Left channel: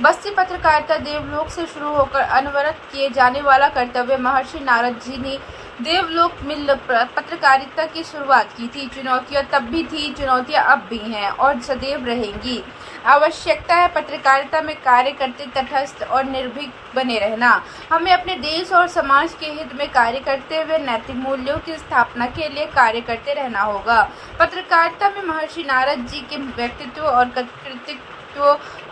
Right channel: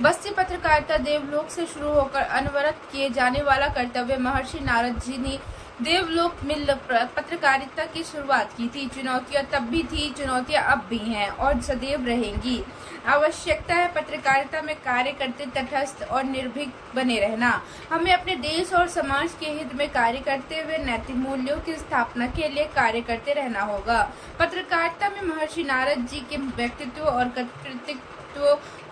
बस्ती पत्रकारिता देवलोक से शुरू होकर अनवरत किए जाने वाला कर्तव्य महर्षि नारद जी ने देवलोक में पत्रकारिता की शुरुआत की थी। चुनौतियां तब भी थी, चुनौतियां अब भी हैं और सदैव रहेंगी। आवश्यकता है पत्रकारिता में कार्य करते तटस्थ और निर्भीक बने रहना। हमें अपने देश और समाज के हित में कार्य करते हुए नैतिक मूल्यों की स्थापना के लिए कार्य करते रहना होगा। पत्रकारिता में महर्षि नारद जी के व्यक्तित्व और कृतित्व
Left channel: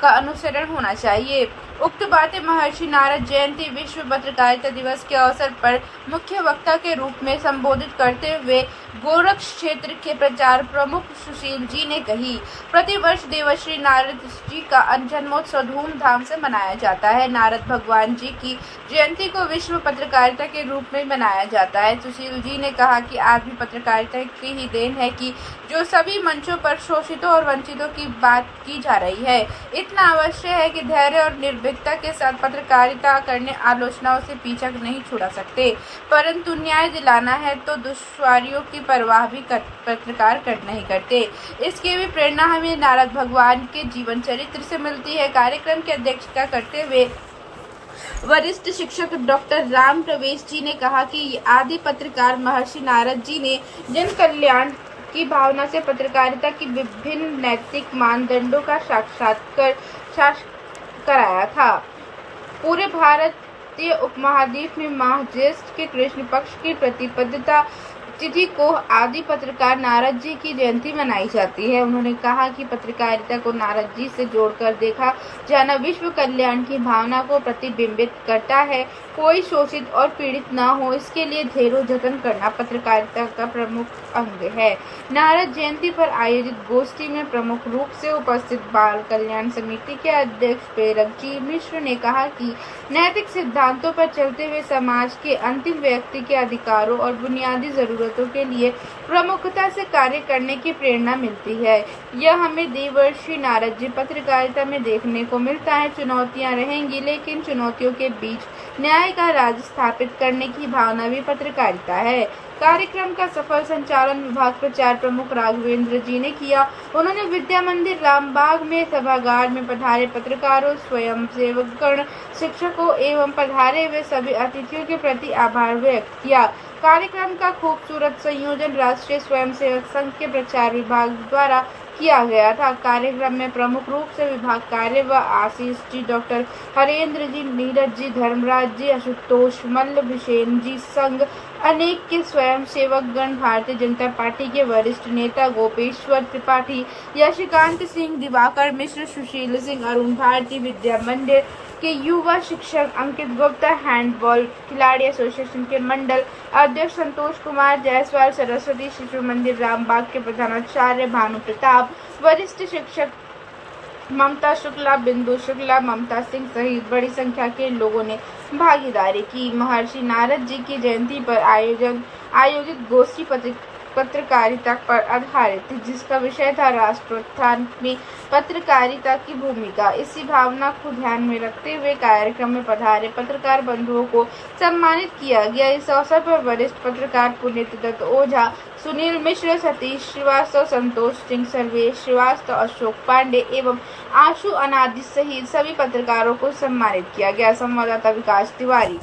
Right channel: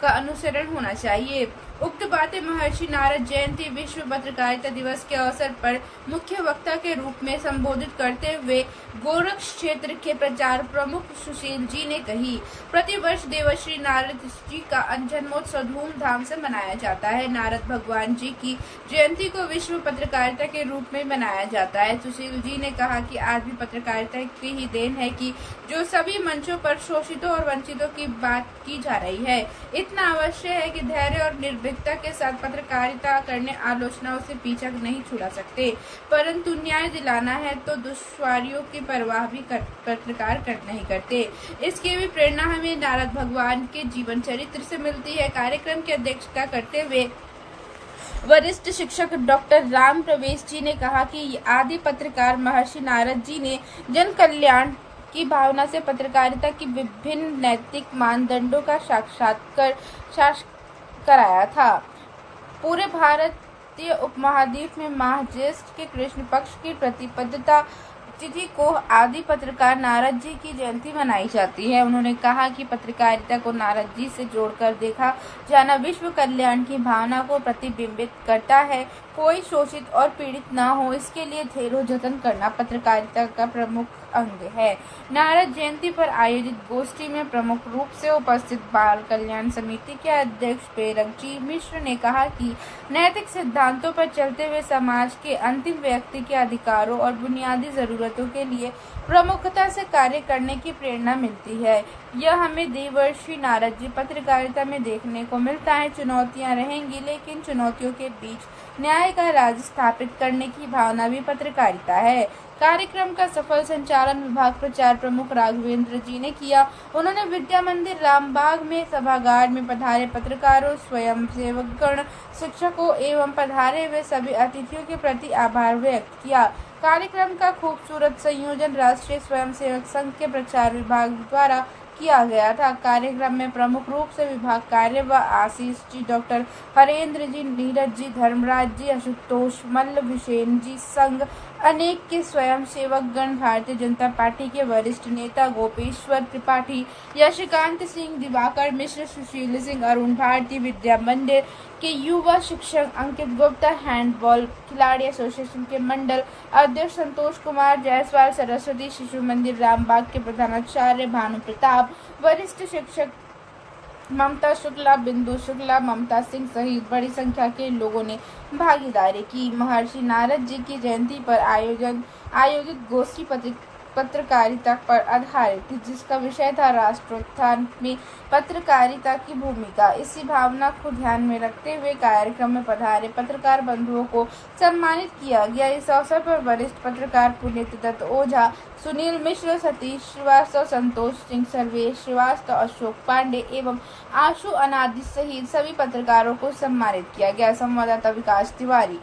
का अनुसरण होना चाहिए। उक्त बातें महर्षि नारद जयंती विश्व पत्रकारिता दिवस के अवसर पर मुख्य वक्ता के रूप में संबोधित करते हुए गोरक्ष क्षेत्र के प्रचार प्रमुख सुशील जी ने कही। प्रतिवर्ष देवर्षि नारद जी का जन्मोत्सव धूमधाम से मनाया जाता है। नारद भगवान जी की जयंती को विश्व पत्रकारिता के रूप में मनाया जाता है। सुशील जी ने कहा कि आज भी पत्रकारिता की ही देन है कि जो सभी मंचों पर शोषितों और वंचितों की बात की जा रही है। इतना अवश्य है कि धैर्य और निर्भीकता के साथ पत्रकारिता करने आलोचनाओं से पीछा नहीं छुड़ा सकते, परंतु न्याय दिलाना है तो दुश्वारियों की परवाह भी पत्रकार नहीं करते। इसकी भी प्रेरणा हमें नारद भगवान के जीवन चरित्र से मिलती है। कार्यक्रम की अध्यक्षता करते हुए वरिष्ठ शिक्षक डॉक्टर राम प्रवेश जी ने कहा कि आदि पत्रकार महर्षि नारद जी ने जन कल्याण की भावना से पत्रकारिता की विभिन्न नैतिक मानदंडों का साक्षात्कार कराया था। पूरे भारतीय उपमहाद्वीप में माह ज्येष्ठ के कृष्ण पक्ष की प्रतिपदता तिथि को आदि पत्रकार नारद जी की जयंती मनाई जाती है। उन्होंने कहा कि पत्रकारिता को नारद जी से जोड़कर देखा जाना विश्व कल्याण की भावना को प्रतिबिंबित करता है। कोई शोषित और पीड़ित न हो, इसके लिए धैर्य जतन करना पत्रकारिता का प्रमुख अंग है। नारद जयंती पर आयोजित गोष्ठी में प्रमुख रूप से उपस्थित बाल कल्याण समिति के अध्यक्ष प्रेरक जी मिश्र ने कहा कि नैतिक सिद्धांतों पर चलते हुए समाज के अंतिम व्यक्ति के अधिकारों और बुनियादी जरूरतों के लिए प्रमुखता से कार्य करने की प्रेरणा मिलती है। यह हमें देवर्षि नारद जी पत्रकारिता में देखने को मिलता है। चुनौतियां रहेंगी, लेकिन चुनौतियों के बीच न्याय का राज स्थापित करने की भावना भी पत्रकारिता है। कार्यक्रम का सफल संचालन विभाग प्रचार प्रमुख राघवेंद्र जी ने किया। उन्होंने विद्या मंदिर रामबाग में सभागार में पधारे पत्रकारों, स्वयंसेवकगण, शिक्षकों एवं पधारे हुए सभी अतिथियों के प्रति आभार व्यक्त किया। कार्यक्रम का खूबसूरत संयोजन राष्ट्रीय स्वयंसेवक संघ के प्रचार विभाग द्वारा किया गया था। कार्यक्रम में प्रमुख रूप से विभाग कार्य व आशीष जी, डॉक्टर हरेंद्र जी, नीरज जी, धर्मराज जी, आशुतोष मल्ल, विशेन जी, संघ अनेक के स्वयं सेवक गण, भारतीय जनता पार्टी के वरिष्ठ नेता गोपेश्वर त्रिपाठी, यशकांत सिंह, दिवाकर मिश्र, सुशील सिंह, अरुण भारती, विद्या मंदिर के युवा शिक्षक अंकित गुप्ता, हैंडबॉल खिलाड़ी एसोसिएशन के मंडल अध्यक्ष संतोष कुमार जायसवाल, सरस्वती शिशु मंदिर रामबाग के प्रधानाचार्य भानु प्रताप, वरिष्ठ शिक्षक ममता शुक्ला, बिंदु शुक्ला, ममता सिंह सहित बड़ी संख्या के लोगों ने भागीदारी की। महर्षि नारद जी की जयंती पर आयोजित गोष्ठी पत्रकारिता पर आधारित थी, जिसका विषय था राष्ट्रोत्थान में पत्रकारिता की भूमिका। इसी भावना को ध्यान में रखते हुए कार्यक्रम में पधारे पत्रकार बंधुओं को सम्मानित किया गया। इस अवसर पर वरिष्ठ पत्रकार पुनीत दत्त ओझा, सुनील मिश्र, सतीश श्रीवास्तव, संतोष सिंह, सर्वेश श्रीवास्तव, अशोक पांडे एवं आशु अनादि सहित सभी पत्रकारों को सम्मानित किया गया। संवाददाता विकास तिवारी।